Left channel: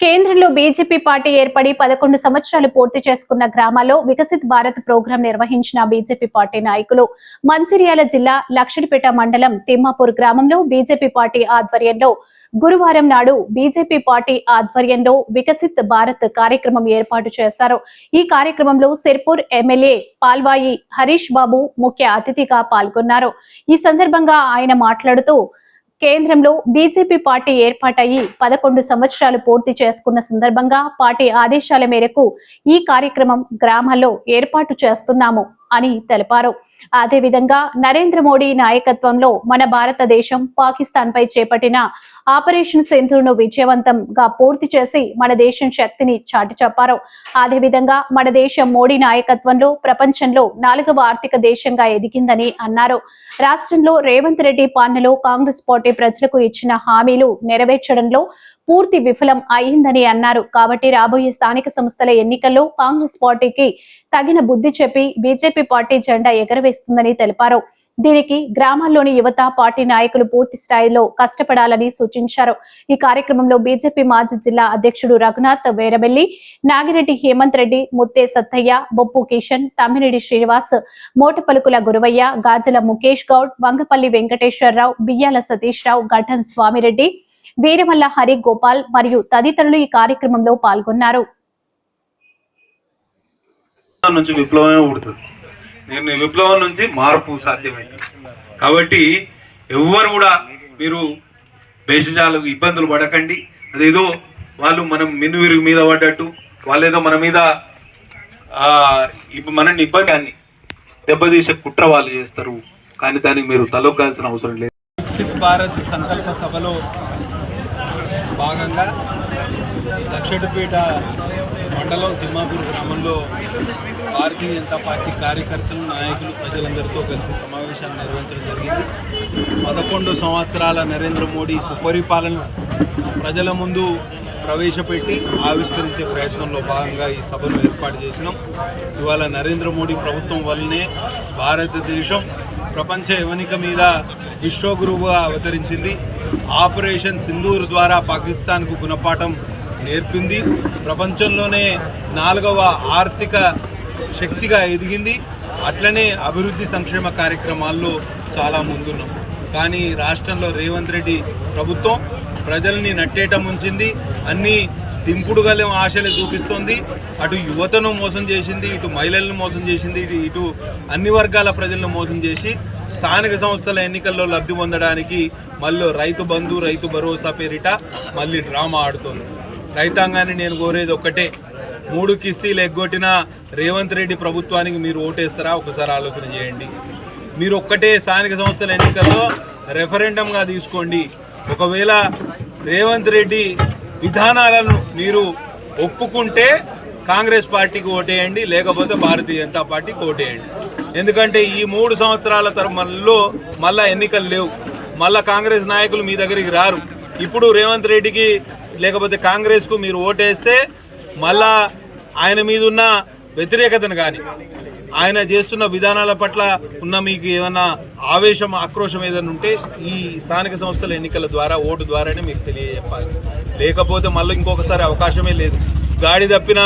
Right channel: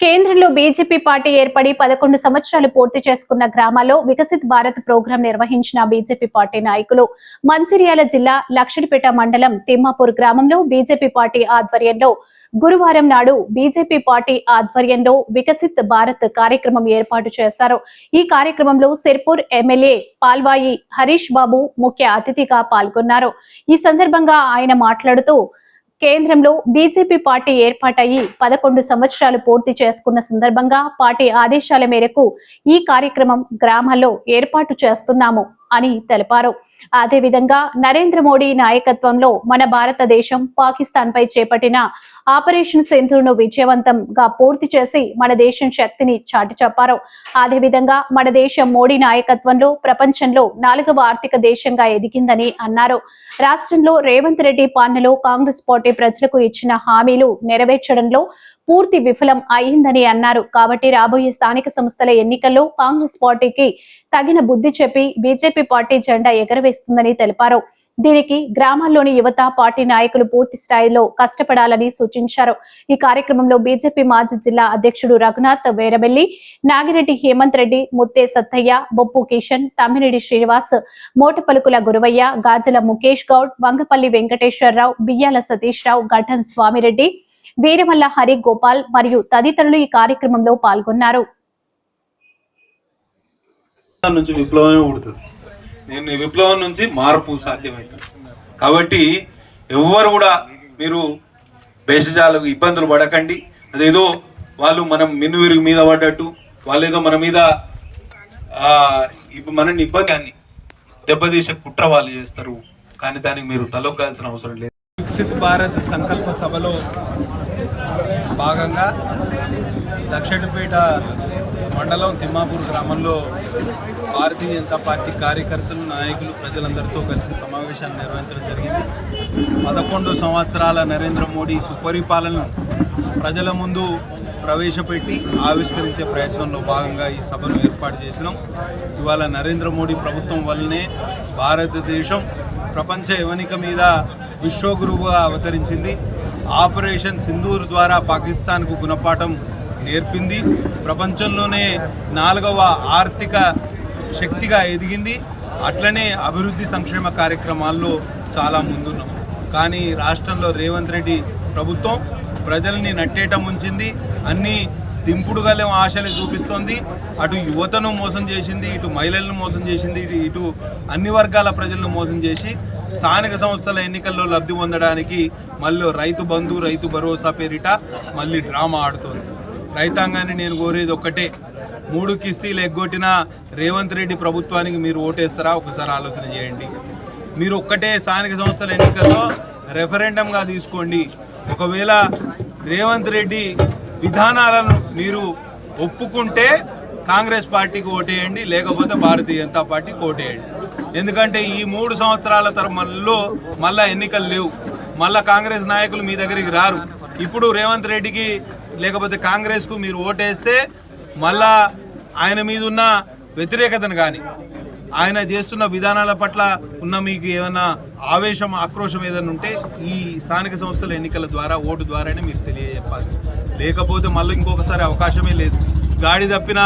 కేంద్రంలో BJP party ఏర్పడి పదకొండు సంవత్సరాలు పూర్తి చేసుకున్న గ్రామాల్లో వికసిత్ భారత్ ప్రోగ్రాం నిర్వహించిన బీజేపీ పార్టీ నాయకులు మంచిర్యాల జిల్లా లక్షడిపేట మండలం తిమ్మాపూర్ గ్రామంలో బీజేపీ పార్టీ ఆధ్వర్యంలో గురువారం నాడు బీజేపీ పార్టీ ఆధ్వర్యంలో వికసిత్ భారత్ కార్యక్రమం ఏర్పాటు చేశారు. ఈ కార్యక్రమంలో సిర్పూర్ ఎమ్మెల్యే పాల్వాయి హరీష్ బాబు ముఖ్య అతిథిగా పాల్గొన్నారు. ఈ సందర్భంగా ఆయన మాట్లాడుతూ కేంద్రంలో బీజేపీ పార్టీ ఏర్పాటయ్యి పదకొండు సంవత్సరాలు పూర్తి చేసుకున్న సందర్భంగా పార్టీ ఆదేశాల మేరకు ఈ కార్యక్రమం గ్రామాల్లో ఏర్పాటు చేస్తున్నాము అని తెలిపారు. అదేవిధంగా నరేంద్ర మోడీ నాయకత్వంలో మన భారతదేశం పాకిస్తాన్ పై చేపట్టిన ఆపరేషన్ సింధును విజయవంతంగా పూర్తి చేసి మన దేశం శక్తిని చాటి చెప్పారు. అదేవిధంగా మన దేశం మోడీ నాయకత్వంలో ప్రపంచంలో నాలుగవ ఆర్థిక దేశంగా ఎదిగిందని అన్నారు. రాష్ట్రంలో రేవంత్ రెడ్డి పాలనలో కాంగ్రెస్ పార్టీ ప్రజలకు ఇచ్చిన హామీలు నెరవేర్చడంలో పూర్తి విఫలం అయిందని అన్నారు. కాబట్టి రాబోయే స్థానిక సంస్థల ఎన్నికల్లో కాంగ్రెస్ పార్టీకి తగిన బుద్ధి చెప్పి బీజేపీ పార్టీ జెండా ఎగరవేస్తుందని తెలిపారు. దీనికి గ్రామాల్లోని యువత పార్టీ నాయకులు పూర్తి స్థాయిలో కష్టపడాలని సూచించారు. ఈ కార్యక్రమంలో బీజేపీ మాజీ జిల్లా అధ్యక్షుడు రఘునాథ్ వేరబెల్లి నాగిరెడ్డి హేమంత్ రెడ్డి ముత్తే సత్తయ్య బొప్పు కిషన్ తమ్మిరెడ్డి శ్రీనివాస్ మోట పలుకుల గురవయ్య గాజల ముఖేష్ గౌడ్ వంగపల్లి వెంకటేశ్వరరావు బియ్యాల సతీష్ రావు గడ్డం స్వామిరెడ్డి వీరమల్ల హరి గోపాల్ మరియు తదితరులు ఈ కార్యక్రమంలో పాల్గొన్నారు. నుంచి విప్లవమే నేను విప్లవం నుంచి మార్పు సాధ్యమైంది. కాబట్టి ఎవ్వరు కూడా మీరు భేషజాలు ఇబ్బందులు పడకండి. అదేదో వాళ్ళు మనం మెను విరుగు మీద పడ్డట్టు వాళ్ళేదో మన మీద మనని మనల్ని ఇబ్బంది అని దెబ్బతీసే కుట్ర వాళ్ళు చేస్తారు. కానీ దానికి మీరు తలొక్కాల్సిన అవసరం లేదు. వికసిత్ భారత్ సంకల్ప సభలో భాగంగా దక్షిణపేట మండలం తిమ్మాపూర్ గ్రామంలో భారతీయ జనతా పార్టీ కార్యకర్తలు నాయకులు ప్రజలందరితో కలిసి సమావేశాన్ని నిర్వహించడం జరిగింది. పదకొండు సంవత్సరాల నరేంద్ర మోడీ సుపరిపాలన ప్రజల ముందు ప్రవేశపెట్టి ఆవిష్కరించే ప్రయత్నంలో భాగంగా ఈ సభను ఏర్పాటు చేసినాం. ఇవాళ నరేంద్ర మోడీ ప్రభుత్వం వల్లనే భారతదేశం ప్రపంచ యవనిక మీద విశ్వగురువుగా అవతరించింది. ఆపరేషన్ సింధూర్ ద్వారా పాకిస్తాన్కు గుణపాఠం నేర్పింది. ప్రపంచంలోనే నాలుగవ ఆర్థిక శక్తిగా ఎదిగింది. అట్లనే అభివృద్ధి సంక్షేమ కార్యక్రమాల్లో చాలా ముందున్నాం. కానీ రాష్ట్రంలో రేవంత్ రెడ్డి ప్రభుత్వం ప్రజల్ని నట్టేయటం ఉంచింది. అన్ని దింపుడుగల ఆశలు చూపిస్తోంది. అటు యువతను మోసం చేసింది ఇటు మహిళలను మోసం చేసింది ఇటు ఇటు అన్ని వర్గాల ప్రజలను మోసం చేసి స్థానిక సంస్థల ఎన్నికల్లో లబ్ధి పొందడానికి మళ్ళీ రైతు బంధు రైతు భరోసా పేరిట మళ్ళీ డ్రామా ఆడుతోంది. రైతాంగాన్ని నేను కోరేది ఒక్కటే. మూడు కిస్తీలు ఎగ్గొట్టిన రేవంత్ రెడ్డి ప్రభుత్వానికి మీరు ఓటేస్తారా? ఒకసారి ఆలోచన చేయండి. మీరు ఒక్కటే స్థానిక సంస్థల ఎన్నికల్లో రెఫరెండంగా తీసుకోండి. ఒకవేళ రేవంత్ రెడ్డి విధానాలను మీరు ఒప్పుకుంటే కాంగ్రెస్ పార్టీకి ఓటేయండి లేకపోతే భారతీయ జనతా పార్టీకి ఓటేయండి. ఎందుకంటే ఈ మూడు సంవత్సరాల తరమల్లో మళ్ళా ఎన్నికలు లేవు. మళ్ళా కాంగ్రెస్ నాయకులు మీ దగ్గరికి రారు. ఇప్పుడు రేవంత్ రెడ్డికి లేకపోతే కాంగ్రెస్కు మీరు ఓటేస్తే మళ్ళా ఆయన మీద ఉన్న వ్యతిరేకతను కానీ ఆయన చేస్తున్న విధానాల పట్ల ఉన్న మీకు ఏమైనా ఆవేశం ఆక్రోశం ఏదైనా ఉంటే ఈ స్థానిక సంస్థల ఎన్నికల ద్వారా ఓటు ద్వారానే మీకు తెలియజెప్పాలి. లేకపోతే మళ్ళీ ఇంకొకసారి అవకాశమే లేదు. గాడి తప్పిన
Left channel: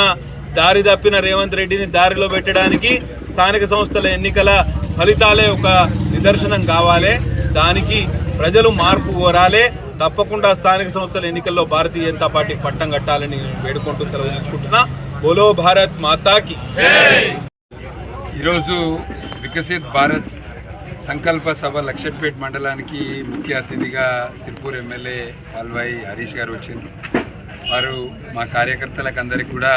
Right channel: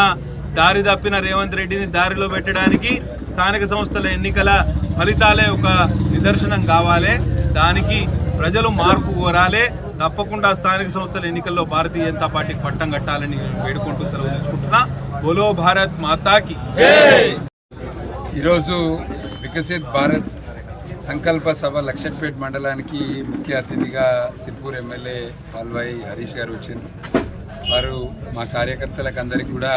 దారి తప్పిన రేవంత్ రెడ్డిని దారిలో పెట్టడానికి స్థానిక సంస్థల ఎన్నికల ఫలితాలే ఒక నిదర్శనం కావాలి. దానికి ప్రజలు మార్పు కోరాలి. తప్పకుండా స్థానిక సంస్థల ఎన్నికల్లో భారతీయ జనతా పార్టీకి పట్టం కట్టాలని వేడుకుంటూ సెలవు తీసుకుంటున్నా. బోలో భారత్ మాతాకి. ఈరోజు వికసిత్ భారత్ సంకల్ప సభ లక్షపేట్ మండలానికి ముఖ్య అతిథిగా సిర్పూర్ ఎమ్మెల్యే పాల్వాయి హరీష్ గారు వచ్చిండ్రు. వారు మా కార్యకర్తలకు అందరికీ కూడా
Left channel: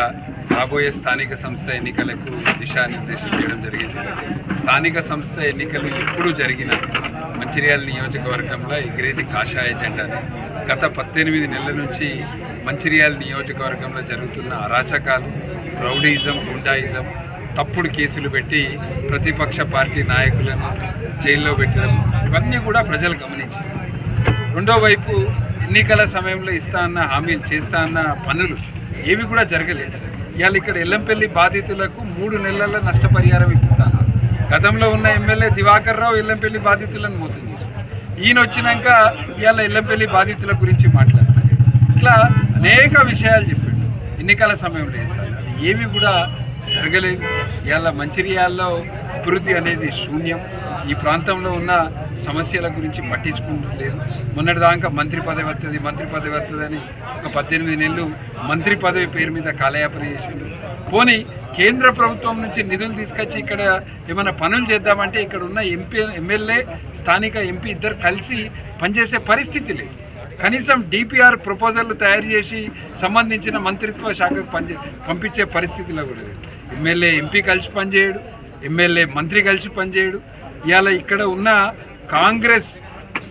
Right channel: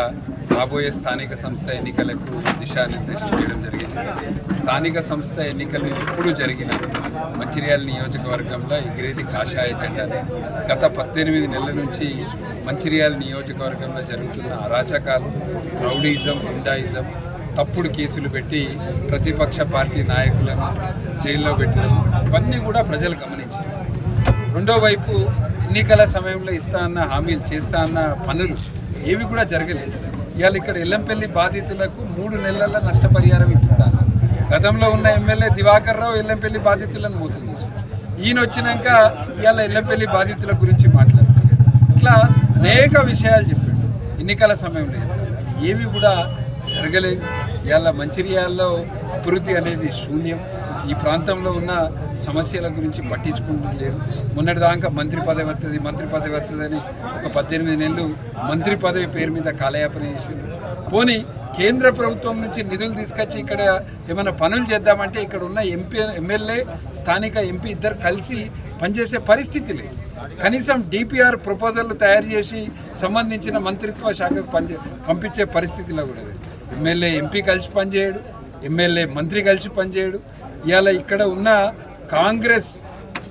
రాబోయే స్థానిక సంస్థ ఎన్నికలకు దిశానిర్దేశం చేయడం జరిగింది. స్థానిక సంస్థ ఎన్నికలు ఎప్పుడు జరిగిన మంచిర్యాల నియోజకవర్గంలో ఎగిరేది కాషాయ జెండాని. గత పద్దెనిమిది నెలల నుంచి మంచిర్యాల నియోజకవర్గంలో జరుగుతున్న అరాచకాలు రౌడీజం గుండాయిజం తప్పుడు కేసులు పెట్టి ప్రతిపక్ష పార్టీ నాయకులను జైల్లో పెట్టడం ఇవన్నీ కూడా ప్రజలు గమనించారు. రెండో వైపు ఎన్నికల సమయంలో ఇస్తా అన్న హామీలు చేస్తా అన్న పనులు ఏవి కూడా జరగలేదు. ఇవాళ ఇక్కడ ఎల్లంపల్లి బాధితులకు మూడు నెలల నష్టపరిహారం ఇప్పుతాను గతంలో ఉన్న ఎమ్మెల్యే దివాకర్ రావు ఎల్లంపల్లి బాధితులను మోసం చేశారు. ఈయన వచ్చినాక ఇవాళ ఎల్లంపల్లి బాధితుల గురించి మాట్లాడతారు ఇట్లా అనేక విషయాలు చెప్పిండు. ఎన్నికల సమయంలో ఇస్తాను అవి ఏవి కూడా జరగలేదు. ఇవాళ మంచిర్యాల్లో అభివృద్ధి అనేది శూన్యం. ఈ ప్రాంతంలో ఉన్న సమస్యల గురించి పట్టించుకుంటలేదు మొన్నటిదాకా మంత్రి పదవి వస్తుంది మంత్రి పదవి వస్తుంది అని ఒక పద్దెనిమిది నెలలు మంత్రి పదవి పేరు మీద కాలయాపన చేసిండు పోనీ కేంద్ర ప్రభుత్వం నుంచి నిధులు తీసుకొచ్చి ఇక్కడ ఏమైనా పనులు చేద్దామంటే ఇక్కడ ఉన్న ఎంపీ ఎమ్మెల్యే స్థానిక ఎంపీ ఇద్దరు కలిసి పనిచేసే పరిస్థితి లేదు. కనీసం డిపిఆర్ ప్రపోజల్లు తయారు చేసి సంబంధించిన మంత్రిత్వ శాఖకు పనిచే పంపించే పరిస్థితిలో కూడా లేదు. ఎమ్మెల్యే ఎంపీ కలిసి పనిచేయడు ఎమ్మెల్యే మంత్రి కలిసి పనిచేయడు. ఇవాళ ఇక్కడ ఉన్న కాంగ్రెస్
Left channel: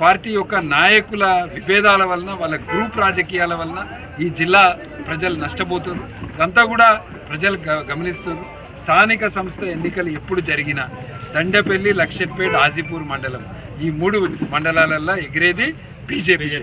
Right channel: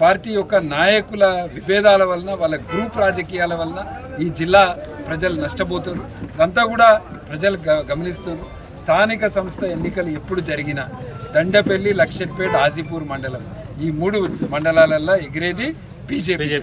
పార్టీ యొక్క నాయకుల విభేదాల వలన వాళ్ళ గ్రూప్ రాజకీయాల వలన ఈ జిల్లా ప్రజలు నష్టపోతున్నారు. ఇదంతా కూడా ప్రజలు గ గమనిస్తున్నారు. స్థానిక సంస్థ ఎన్నికలు ఎప్పుడు జరిగినా దండపల్లి లక్షట్పేట్ ఆజీపూర్ మండలం ఈ మూడు మండలాలలో ఎగిరేది బీజేపీ.